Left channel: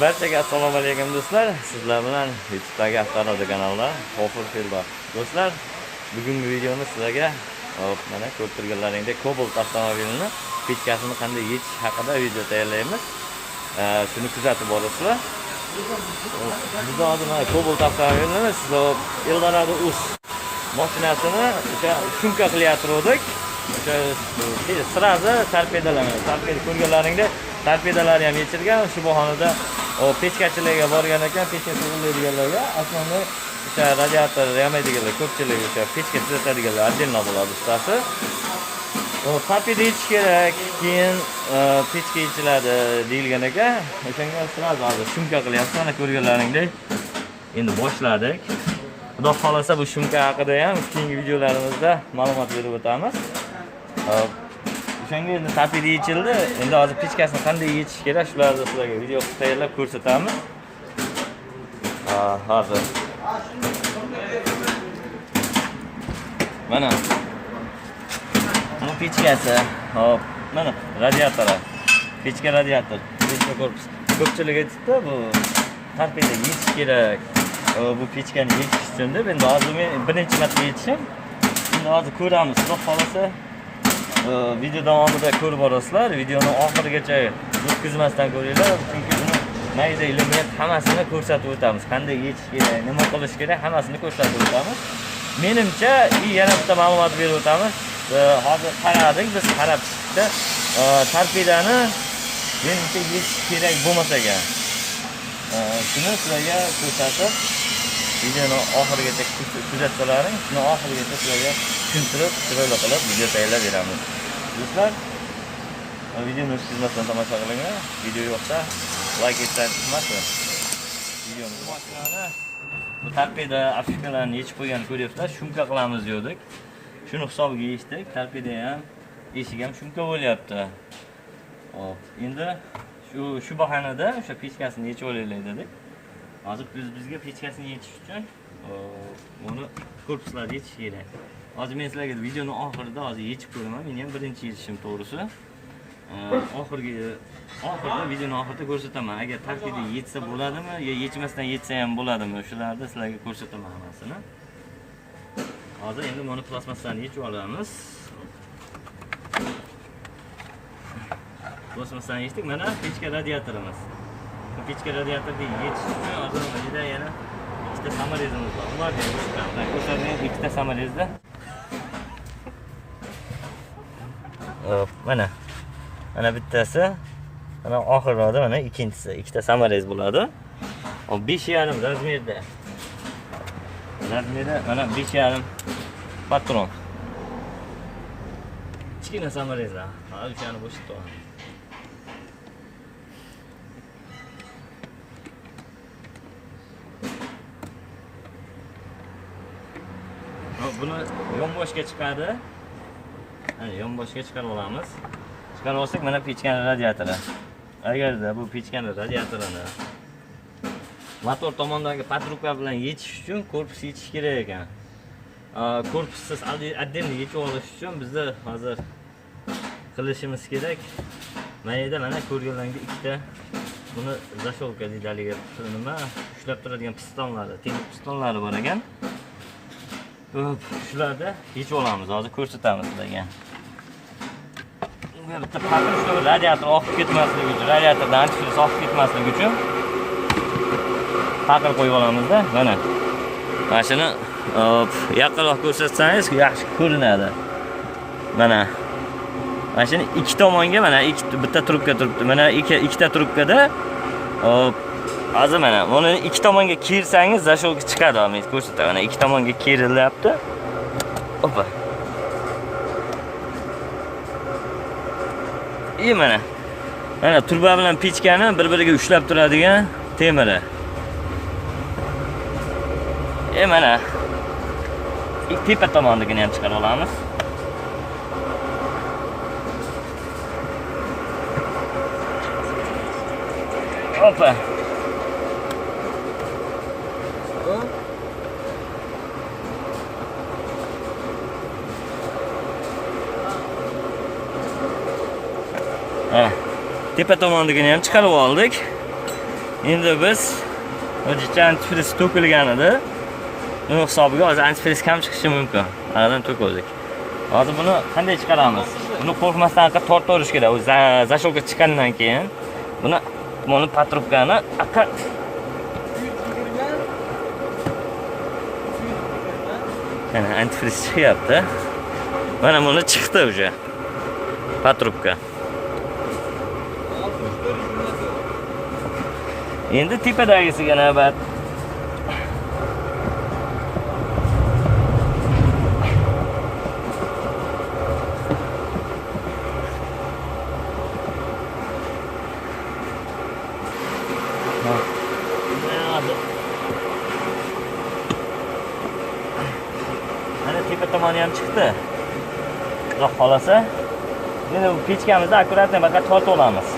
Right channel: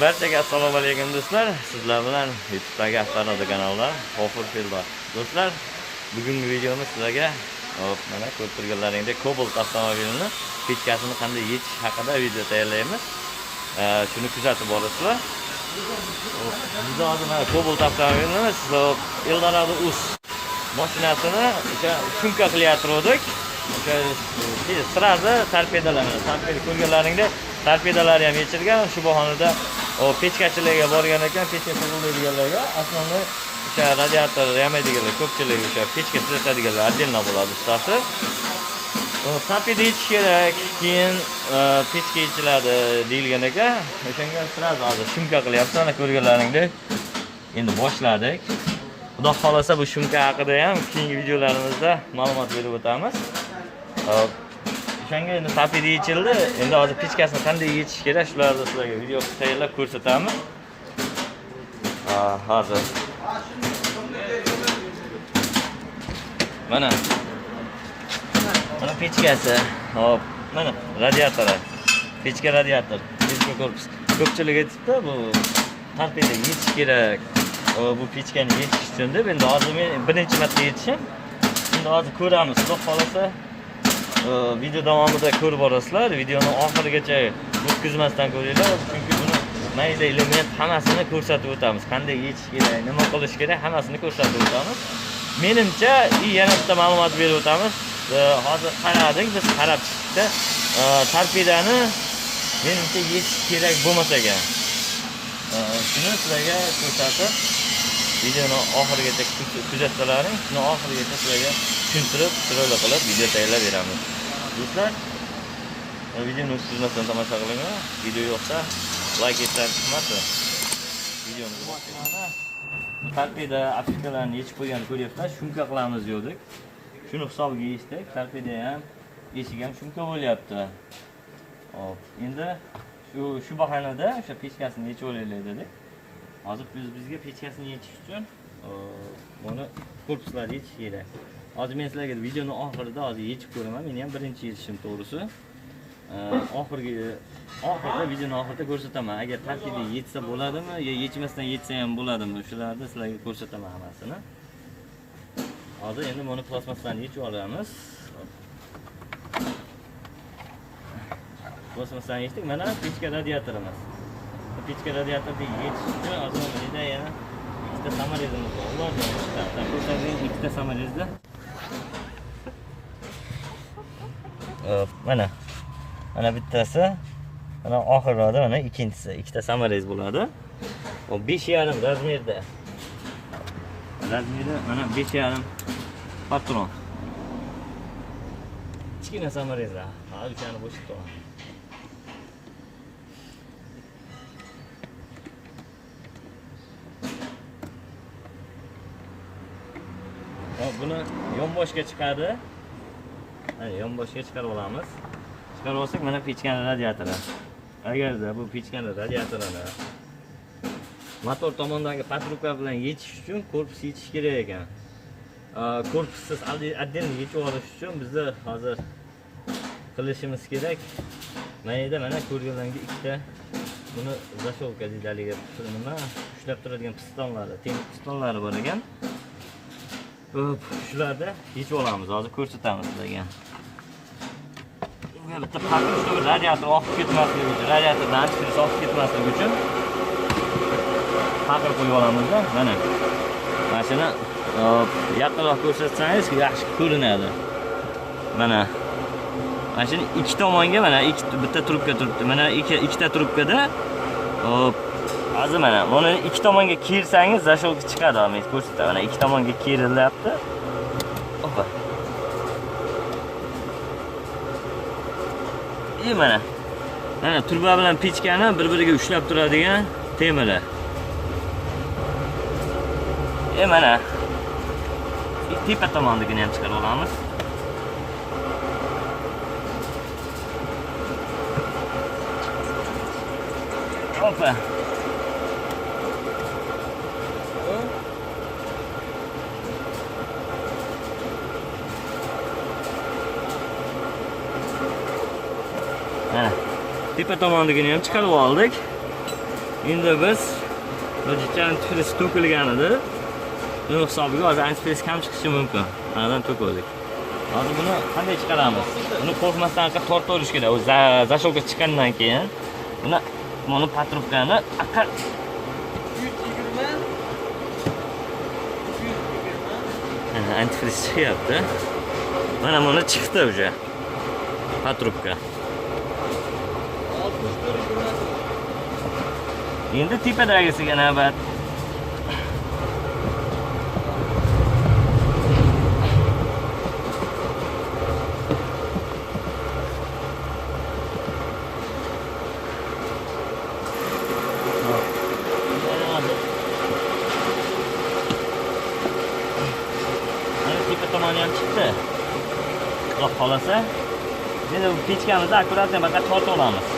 Barchaga assalomu alaykum do'stlar. Sizlar bilan YouTube'dagi avtoradi kanalda G'ofur Feldor. Do'stlar, bugungi videomiz sizlarga hop, mana ko'rib turganlaringdek Cobalt avtomobilini pechkasini qanday yechish haqida video tayyorlaymiz. Ee, shuni kuzatib borasizlar. Bizda hozir mana Cobalt avtomobilini sizlar Eldorado Us mashinasini o'sha shumka qilyotgandik. O'sha e, sirazi torpedalar, torpeda ko'rganlaringdek torpedalari ham yechilgan. Shu bahonada o pechkachilarga borgan ekan pechka tug'iladiganlarga основной o'sha radiator yamaydiganlar ko'pchilik o'sha pechka tuzatadiganlar отдельно bo'ladi ustasi O, torpeda yechish kerak keyin e, pechka yechiladi deyilgan ekan o'shanga sразу hozir shumka qilyapti mana ko'rganlaringdek endi boshladik xudo xohlasa bu shumka haqida ham keyingi videolarimizda ma'lumot berib o'tamiz Hop. o'shanga endi torpeda yechildi endi hozir pechkasini qanday yechish kerak shularni sizlarga video qilib tayyorlab ko'rsatamiz hozir mana. Mana pechkasi hop. Mana radiatori pechka radiator. Pechka korpus. Ko'pchilik aytibdi bu. Torpeda yechish kerak bu pechkani yechish uchun deb endi hozir men birinchi marta yechishim endi hozir ko'ramiz xudo xohlasa video davomida ko'rib borasizlar videoni oxirigacha o'tkazmasdan ko'ringlar chunki buni mayda element hammasini ko'rsatib o'tamiz. Qanday yechish kerak nima qilish kerak hammasini ko'rsatib o'tamiz. Menimcha и yana bitta ma'lumot berib o'tamiz. Hozir qaradik biz qarab chiqdikda torpedani menimcha yechish kerak bo'lmas ekan shuni sizlarga ko'rsatib videoni oxirigacha kuz- kuzatsalaring shuni oxirigacha sizlarga tushuntirib chiroyli qilib video tayyorlab beramiz. Do'stlar videoni o'tkazmasdan tomosha qilinglar video yoqsa layk etsangiz chiqmasin. Videomizni boshlaymiz bu torpeda afishkalarni yechib qo'yganini ko'ryapsizlar shumka qilamiz degandik shuni hisobiga yechdik. Torpeda ham eshik ham shumka bo'lyapti. Hop endi shu shu bahonada o'sha pechkasini yechib olaylik dedik hozir biz bizga pechkasini yechish uchun buni korpuslarni yechish kerak hozir men sizlarga videoni oxirida hozir yechib ko'raman meni ham birinchi yechishim to'g'risi oxirgi oxirida videoni oxirida ko'rsataman agar torpeda yetsa bo'ladimi yo yechmasdan yetsa ham bo'ladimi shularni sizlarga ko'rsataman hammasini hozir endi buni plastmassani yechib olamiz plastmassani yechdik mana pechka radiatorimiz Bu pechka radiatorni yechish uchun hozir bizda yana ikkita samorezimiz bor ularni ham ko'rsatamiz ko'rsating ikkita samorezda Hop, mana mana bittasi mana oxirroqda mana ikkinchisi ikkita samarez bo'ladi O, besh yarim razmerda razmeri mana besh yarim patron. Kichkina samareza hali o'shani bo'shatib olaman buni yonboshga chiqadi Hani yonboshga chiqarib olamiz chiqarib olsak mana pechkani radiatori agarda bu pechkani radiatorini motor tomondagi patrubka bilan yechish uchun korpus yechish kerak ekan Aa, korpussiz отдельно yechib olish uchun bizni hozir qilishimiz kerak mayda mana ko'rganlaringdek ikkita buni zashovka deydi haligi nima ushlab turadigan pistonlari temir pistonlari bor ekan Hop, shularni yechib olamiz hozir ko'rsatamiz sizlarga bitta pakir shu radiator oqib ketmasligi uchun radiatordan antifriz oqib ketmasligi uchun pakir qo'yib olamizda mana mana shuni yaqinroq ko'rsatsangiz yaxshi ko'rinadi mana mana shuni ikki tomonga mana ikki bitta trubka turibdi mana ikki ikkita trubkada hop hozir mana buni ikki tomonga kersangiz zashovka chiqadi men ko'rsataman mana ikki tomonga kerilyapti opa и mana. Mana turba bilan pechkani bir biriga ushlab turadigan temiri e mana. Tepa tomonigini ham chiqarib olamiz. Opa tepa tomonligini ham chiqarib oldik endi biz hujjatcha antifriz to'kilgan edi buni hisobiga hozir antifriz kam chiqishi mumkin anadan to'kildik hozir buni qanday chiqaramiz buni qo'rqmasdan anaqa tortaverish kerak u za- zashilka chiqqandan keyin buni buni patrubkani anaqa uch yuz yigirma uch yuz yigirma Ha, antifriz chiqyapti mana buni chiqdi уже patrubka tepadagisiga navbat mana tepa tomoni ham chiqdi xudo xohlasa endi pechkamizni akkuratно baqa tortib olamiz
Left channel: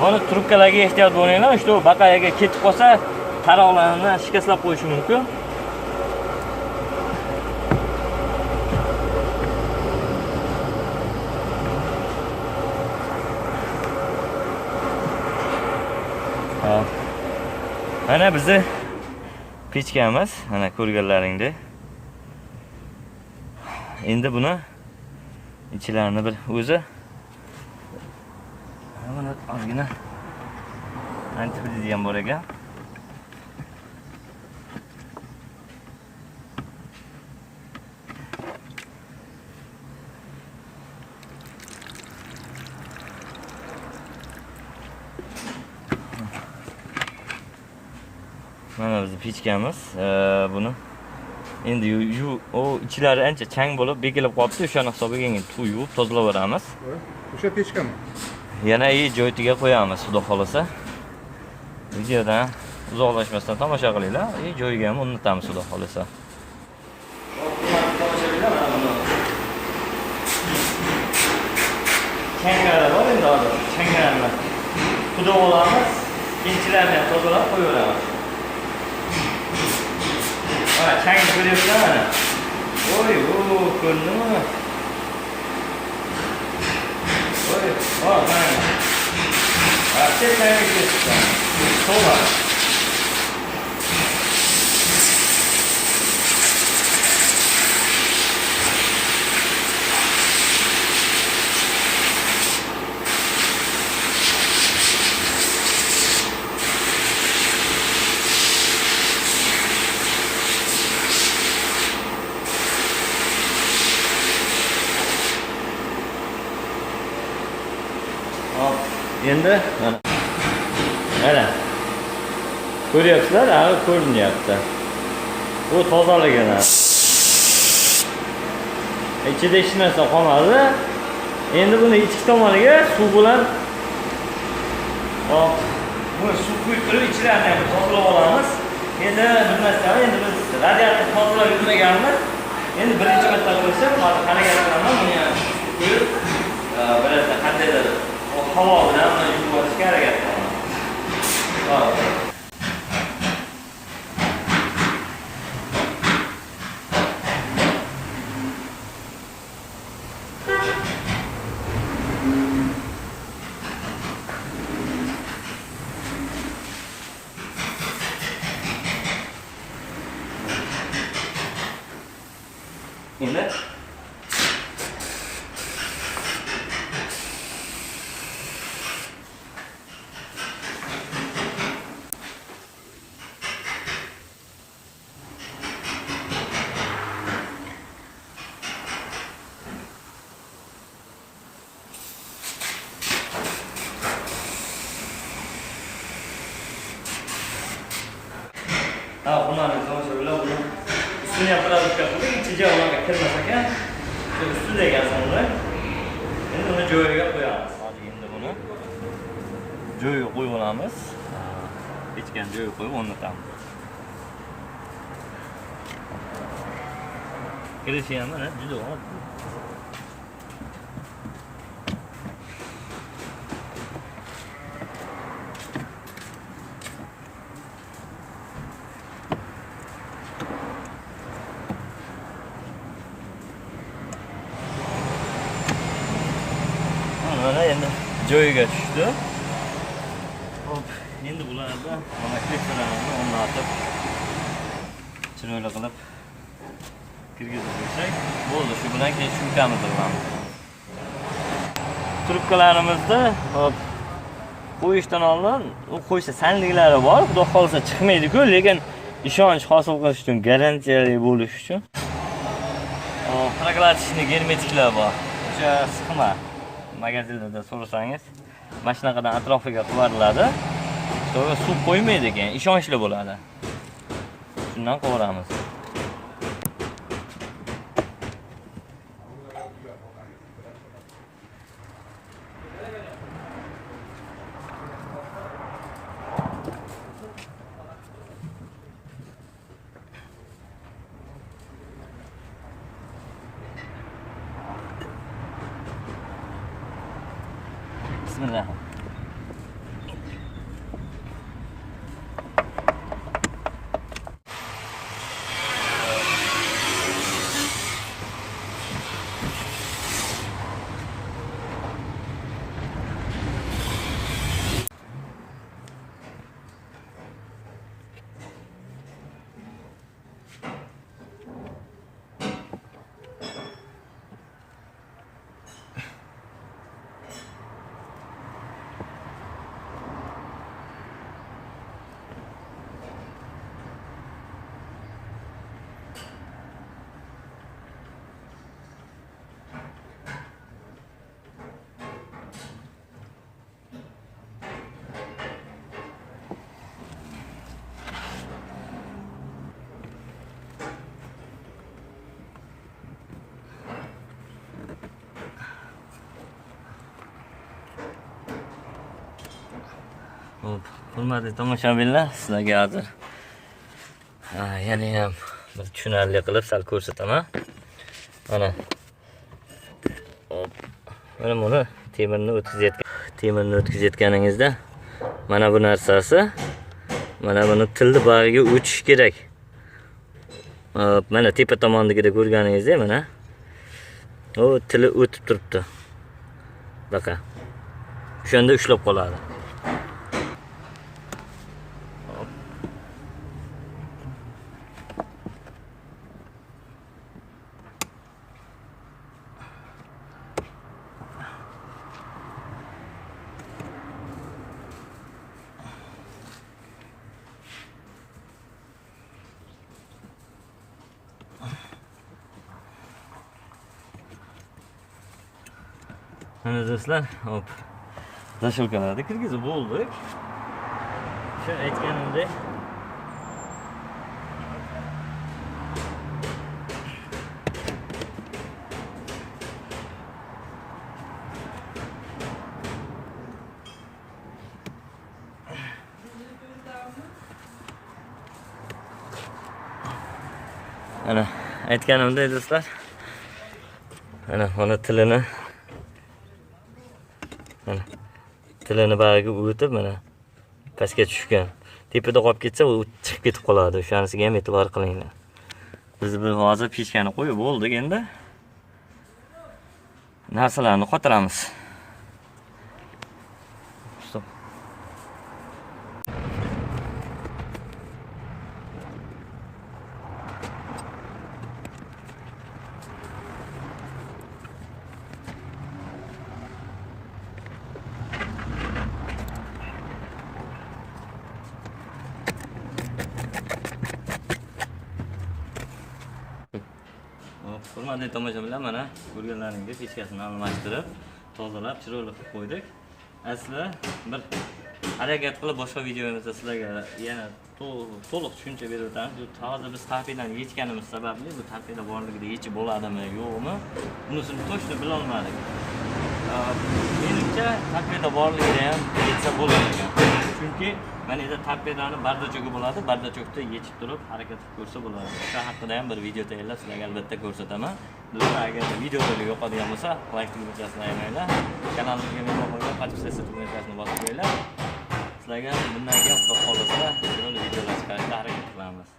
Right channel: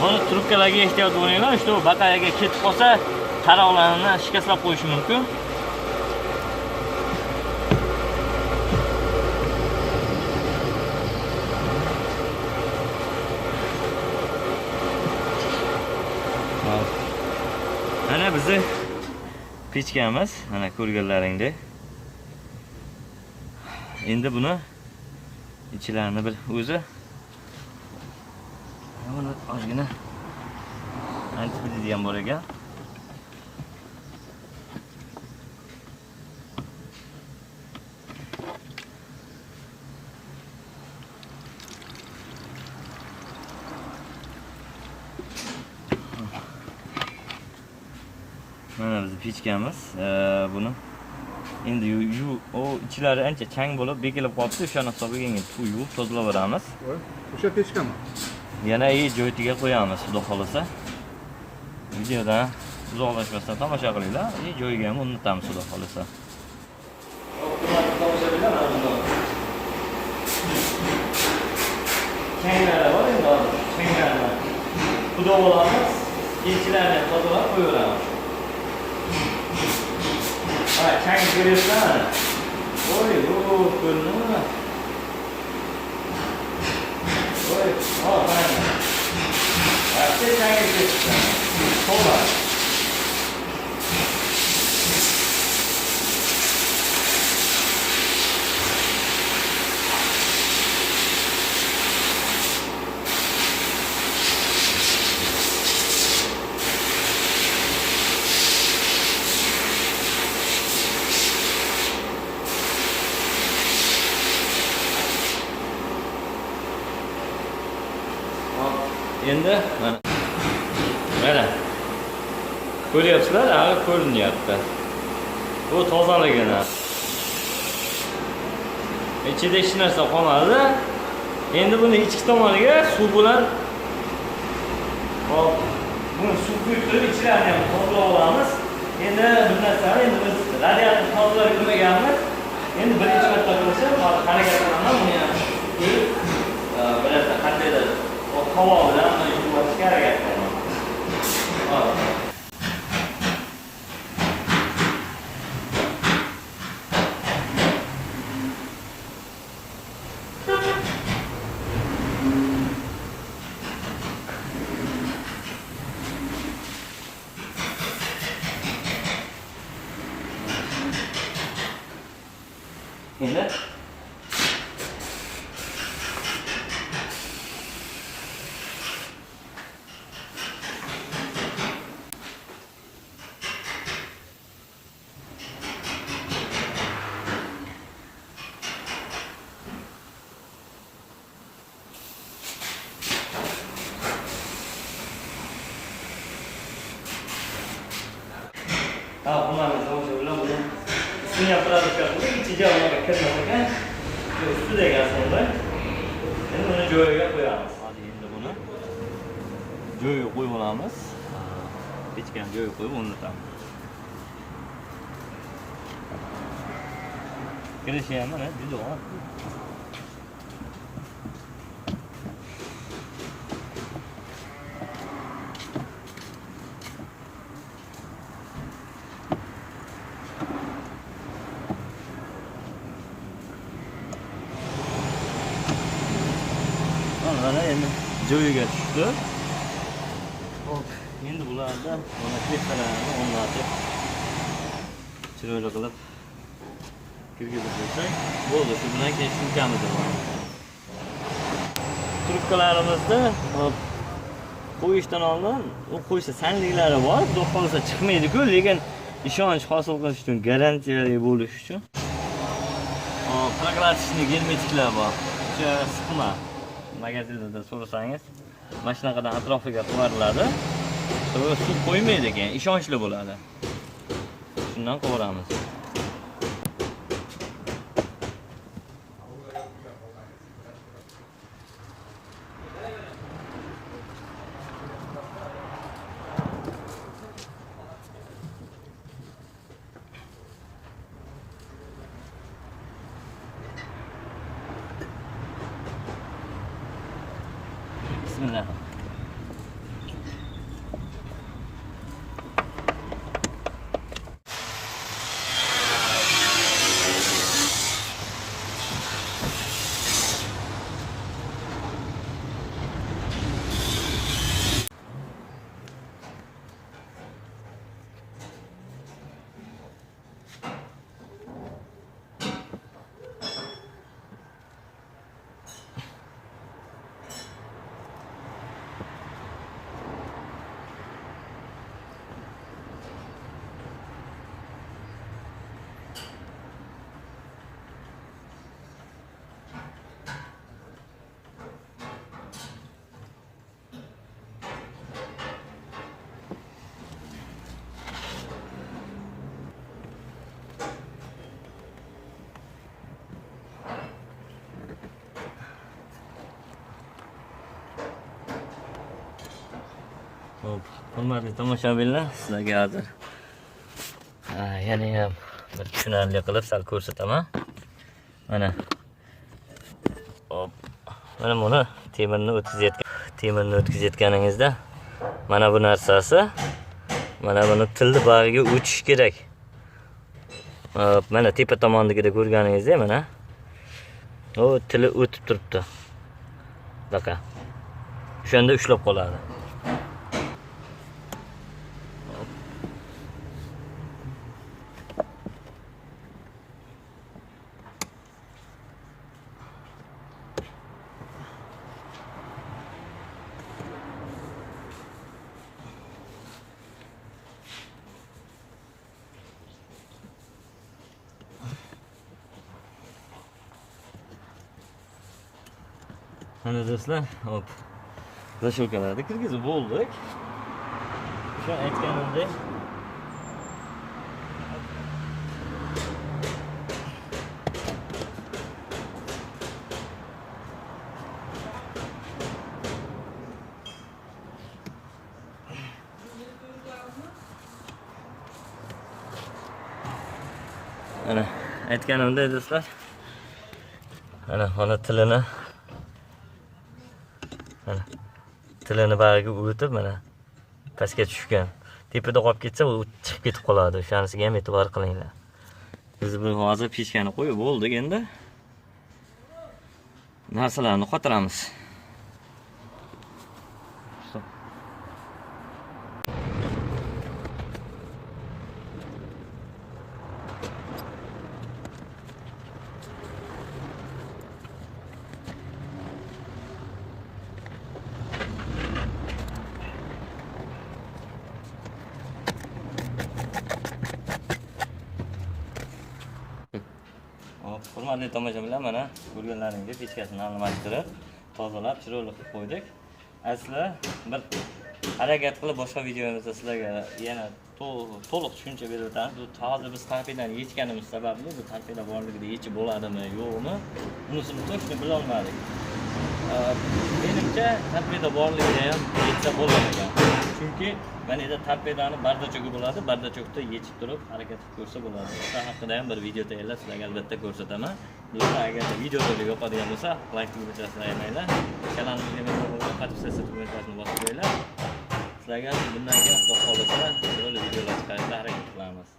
Buni trubkalarga ehtiyot bo'linglar. Shu baqayaga ketib qolsa, taroqlarni shikastlab qo'yishi mumkin. Mana bizni pechkamiz, mana ko'rganlaringdek. Endi buni ichlarini bir o'zi Mana ozgina antifriz ham bor ekan. Mana bizni pechkamiz. Ee, buni endi o ichlari ancha chang bo'lib bekilib qolibdi. O'shani hisobiga endi yuvib tozalaveramiz. Voy, o'sha pechkami yana i joytiga qo'yamiz xudo xohlasa videodan uzoqlashmasdan tomosha qilinglar и joyiga ham o'rnatamiz xudo xohlasa tomoshabinlar mana buni changalar bor endi hozir changalarni xudo olamiz keyinchilarni ham tozalab qo'yaveramiz mana chang ko'ryapsizlar mana voy o ko'rindimi Oi, て解決です。そうだ。Ende. Mana. Ko'ryapsizlar, hali ko'rinyapti. Bu tozalagan. Ichida hech narsa qolmadi. Endi buni ichki tomoniga suv bilan hop, buni suv quyib turib ichilarini ham tozalab olamiz. Endi bir narsa, endi biz radiator tozalab yurmaganmiz. Endi birinchi marta bo'lsa hozir harakat qilaman buni ham quyib e, qandaydir havo bilan uni harakat qilaman. Hop. bunu hani anlayacağım şöyle bunu üstünü yaparak yapıldı. İçici ona bakılmasa ki üstü de gelsin onda. Şimdi bunu cöğüye koyalım. Hadi şimdi bunu cöğüye koyalımız. Bitken cöğüye koyup onu tam. Kırışıyan da ne? Cüdü var. Hop, endi bularda mana kreslalarni o'rnatib chiroyli qilib kirgizib qo'ysak bo'ldi shu bilan keyin sumkamizni qilamiz trubkalarimizni hop, qo'yishdan oldin u qo'yishda sanliklari bor xudo xohlasa chiqmaydiku lekin ishonch hosil qilish uchun garantiyali bo'lish uchun proklatishni germetiklar bor o'sha siqma magazinlarda so'rasangiz mana shunaqadan atrofiga qivariladi so'ngra suv qo'ymaydi ekan ishonchli bo'ladi. Shundan qovuramiz. Bismillah Hop, hurmatli tomoshabinlar, sizlarga hozir ha, yana ham bir tushunarli qilib sal ko'rsataman. Mana. Hop. Mana buni temirni o'tkazayotgan temirni o'tkazayotganingizda mana bu narsasi mana buni tilni bag'iga o'tishi kerak. Hop, mana tepa tomondagida ko'rganingizdek mana. u tili o'tib turibdi. Baqa. O'shanda ushlab qoladi. Mana do'stlar, hop. Zashokalarni kirgizib bo'ldik. O'sha aytganimdek Mana aytganimdek do'stlar. Mana mana tilini tilini bag'iga o'tib mana pastga tushgan. Tepada qolib ketsa u chiqib ketib qoladi. O'shanisiga ham e'tibor qilinglar. Biz bu hozir pechkani qo'yib bo'ldik endi. Narsalarni qotiramiz. Hop, hurmatli tomoshabinlar mana ko'rganlaringizdek pechkasini almashtirib, tozalab, chiroyli qilib qo'ydik. Asli bir harakat qilib boshqa videomizda sizlarga yana to'liq tushuncha berib o'tamiz. Bu hozir biz tarpedani yechganimiz sababli bu tarpeda borligida yechib bo'ladimi, yo'qmi? Bunisini точно bilolmadik. Menimcha tarpeda borligida ham yetsa bo'lar ekan. Chunki mana endi tarpedani bardachogi bo'ladi, bardachokda yechib turib harakat qilib ko'rsa bo'ladi. O'sha haqida ham bir video tayyorlab sizlarga albatta ko'rsataman. Do'stlar, agar videoda yoqadigan bo'lsa, like tugmachasini ayamanglar. Kanalimizga mehmon bo'lgan, подписаться tugmachasini bosib qo'yinglar. Sizlarga bundan keyin xudo xohlasa chiroyli videolar chiqarishga harakat qilamiz.